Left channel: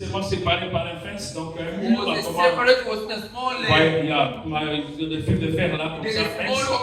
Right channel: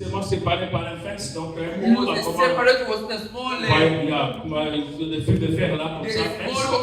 seulement séparé par un fence, donc un It mur. was separated, was a small Ouais, il y a le fil de fer là, comme There's ça. a Fence. small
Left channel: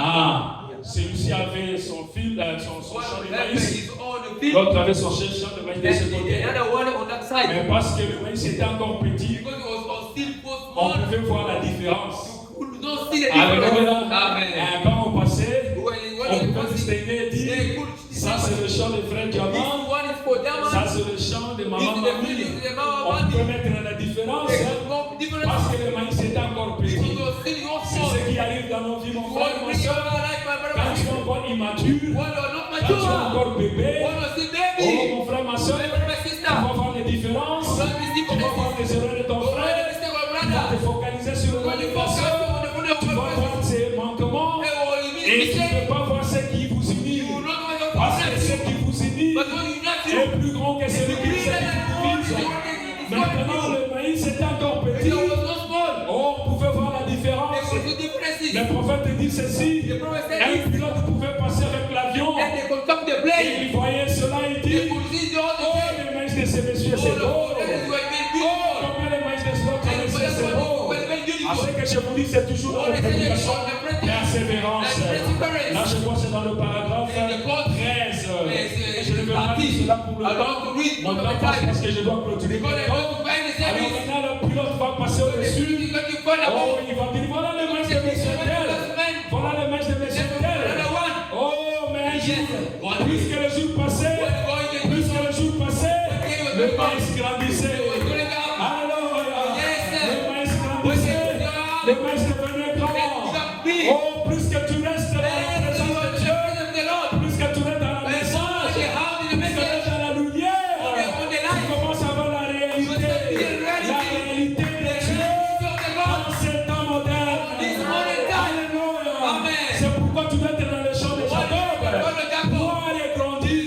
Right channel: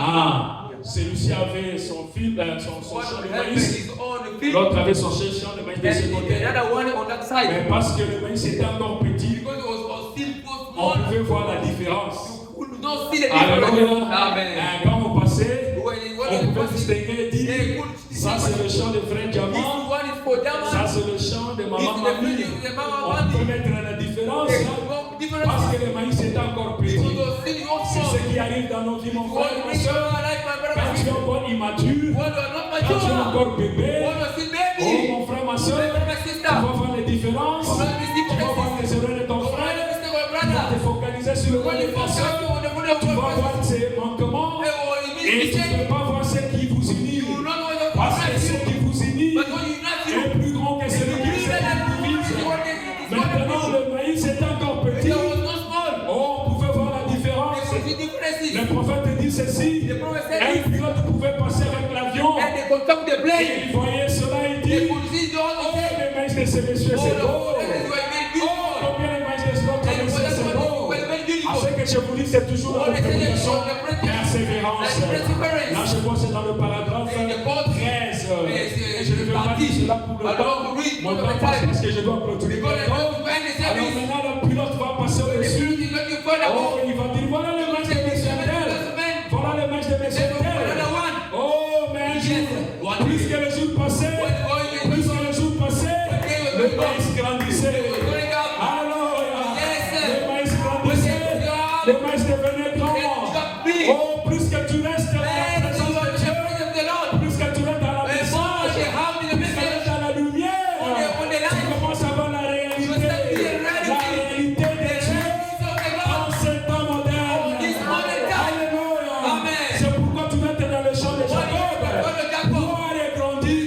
Ah, celui-ci avait son fil, son champ de maïs. his own field, L'autre avait son champ de maïs de ce and côté. another one on that side. Mais parce que le maïs était encore petit, Because it was still so on small, pouvait voir la différence. you could not see the Alléluia. difference. Amen. Quand on passait, When on pouvait distinguer et dire, ça c'est le champ de frère this Diamant, one is for them, ça c'est le champ de this maman is the Mamie. field of the On mama peut one. mettre la différence There was no difference. parce que le maïs était encore petit. Because it was still your C'est small. ce qui arrive dans nos vies, mon You frère, want to ma bring your soeur. life, my Quand brother. tu es encore immature, When you are not quand tu es mature, encore bébé, when you are still oh baby, mon frère, ma soeur, my brother, my tu sister, vas voir les différences, you tu don't miss vas voir les erreurs de ton Don't frère, make a mistake, my tu vas te brother. focaliser sur le When rôle de you ta focus soeur, on the body of tu vas your voir brother, ses manquements when you miss et tu ne mistake, peux pas voir ce qui vous unit. you will not know your Parce que ce brother. qui vous unit But when you not you, est plus grand que celui qui vous divise. Maintenant, le maïs est encore petit. It was not small. Oh, on pouvait voir la différence. There was differences. Le prophète dit ceci. The prophet said Un this, pilote pouvait passer avec l'avion. and they could come to the Et plane. il voyait cela, il They dit, could see all the oh, things. le maïs de ces messieurs, All c'est the beau. things were made Oh, beautiful. combien le maïs de ces autres And for messieurs, that c'est one, beau. were made À beautiful. ce que je vous dis, c'est toujours dans la prédication, persévérance. Là, je vois, c'est dans le paragraphe 13. Et je ne vais pas dire cela pour le temps. Mon temps passe parce que je dois clôturer. Alors maintenant, le pilote va passer au-dessus. Oh, il va dire, voilà le maïs de messieurs tel. Voilà le maïs de messieurs tel. Oh, mais un jour, plus que le jour passait, le maïs grandissait. Alors, le maïs grandissait, le maïs devenait grand. Oh, plus que tu restes dans la présence de Dieu, plus que tu restes dans la message, plus que tu restes dans la lumière, tu commences à voir la réalité de Dieu en ces temps modernes. Alléluia. C'est pourquoi tu dois être dans le champ de Jacob. Voir et grandir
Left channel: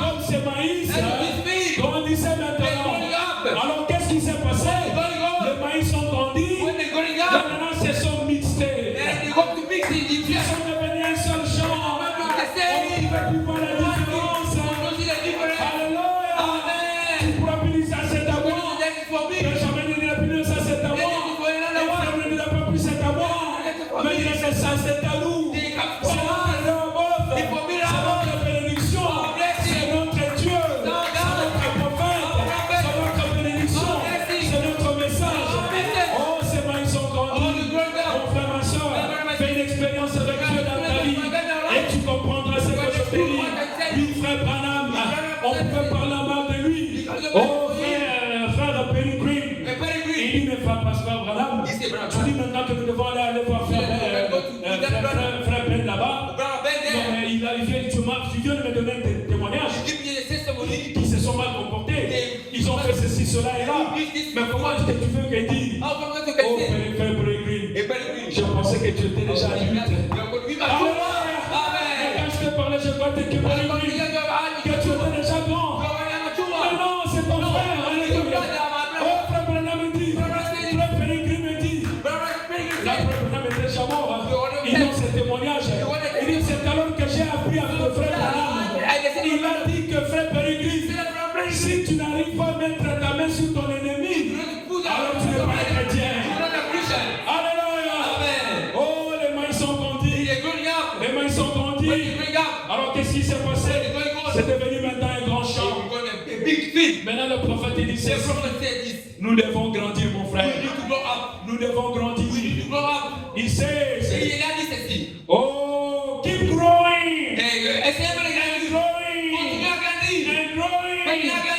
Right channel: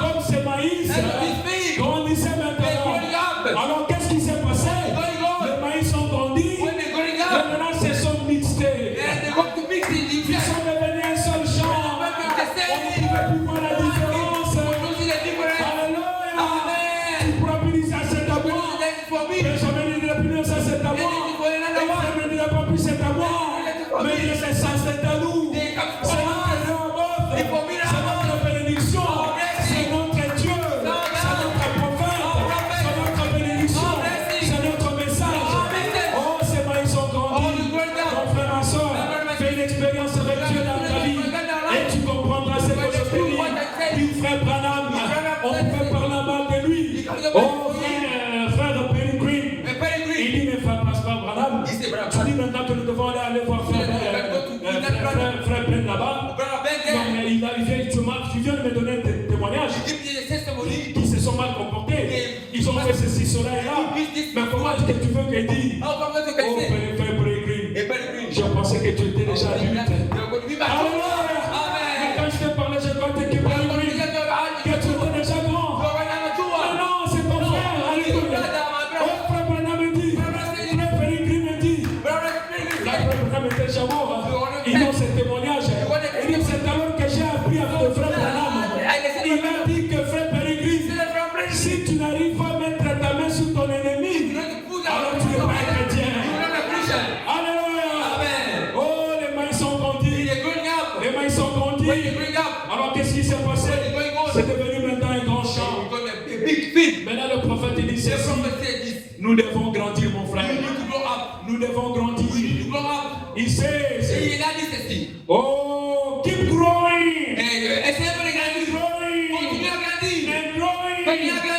comme ce maïs grandissait maintenant. Alors qu'est-ce qui s'est passé? Les maïs ont grandi, maintenant se sont mixés. Ils sont devenus un seul champ. On ne pouvait plus voir la différence. Alléluia. Tu pourras plus dire ça c'est à moi. Benjamin ne dira plus ça c'est à moi. Ephraim ne dira pas plus c'est à moi. Mais il dit ça c'est à nous. C'est notre Léopold. C'est notre bénédiction. C'est notre Dieu. C'est notre prophète. C'est notre bénédiction. C'est notre message. Oh, ces mains sont grandies. Mon frère, ma soeur, fais une expérience avec Dieu dans ta vie. Et tu comprendras ce que je te dis. Lui, frère Branham, on peut parler mal de lui. Oh, frère Perry Green. Il dit, mais frère Branham, tu dis maintenant que nous devons aller voir frère Ben là-bas. Non, mais il arrivait, tu viens de me donner des témoignages qui se sont mal comportés. Ils ont fait ceci, cela et là. Mais comment est-ce que tu veux qu'il dise? Oh, frère Perry Green, je pensais que tu étais déjà adulte. Mais quand je te parlais, je croyais que Perry Green, que tu étais déjà grand. Ah non, c'est ton frère, alléluia. Oh, frère Branham me dit, frère Perry Green me dit, frère Branham était déjà mort. Il donne ce témoignage. Il dit, c'est alors que j'ai appris avec le frère Branham. Il m'a dit que frère Perry Green, si tu n'arrives pas à mettre ta main sur ton ennemi, alors tu n'es pas un chrétien. Alléluia. Oh, les mains sont grandis. Les mains sont grandis. Alors qu'est-ce qui s'est passé? C'est devenu maintenant un grand champ. Maintenant le prophète dit ceci. Nous devons grandir, mon frère. Nous devons grandir. Il sait. Oh, keep growing. Keep growing. And growing.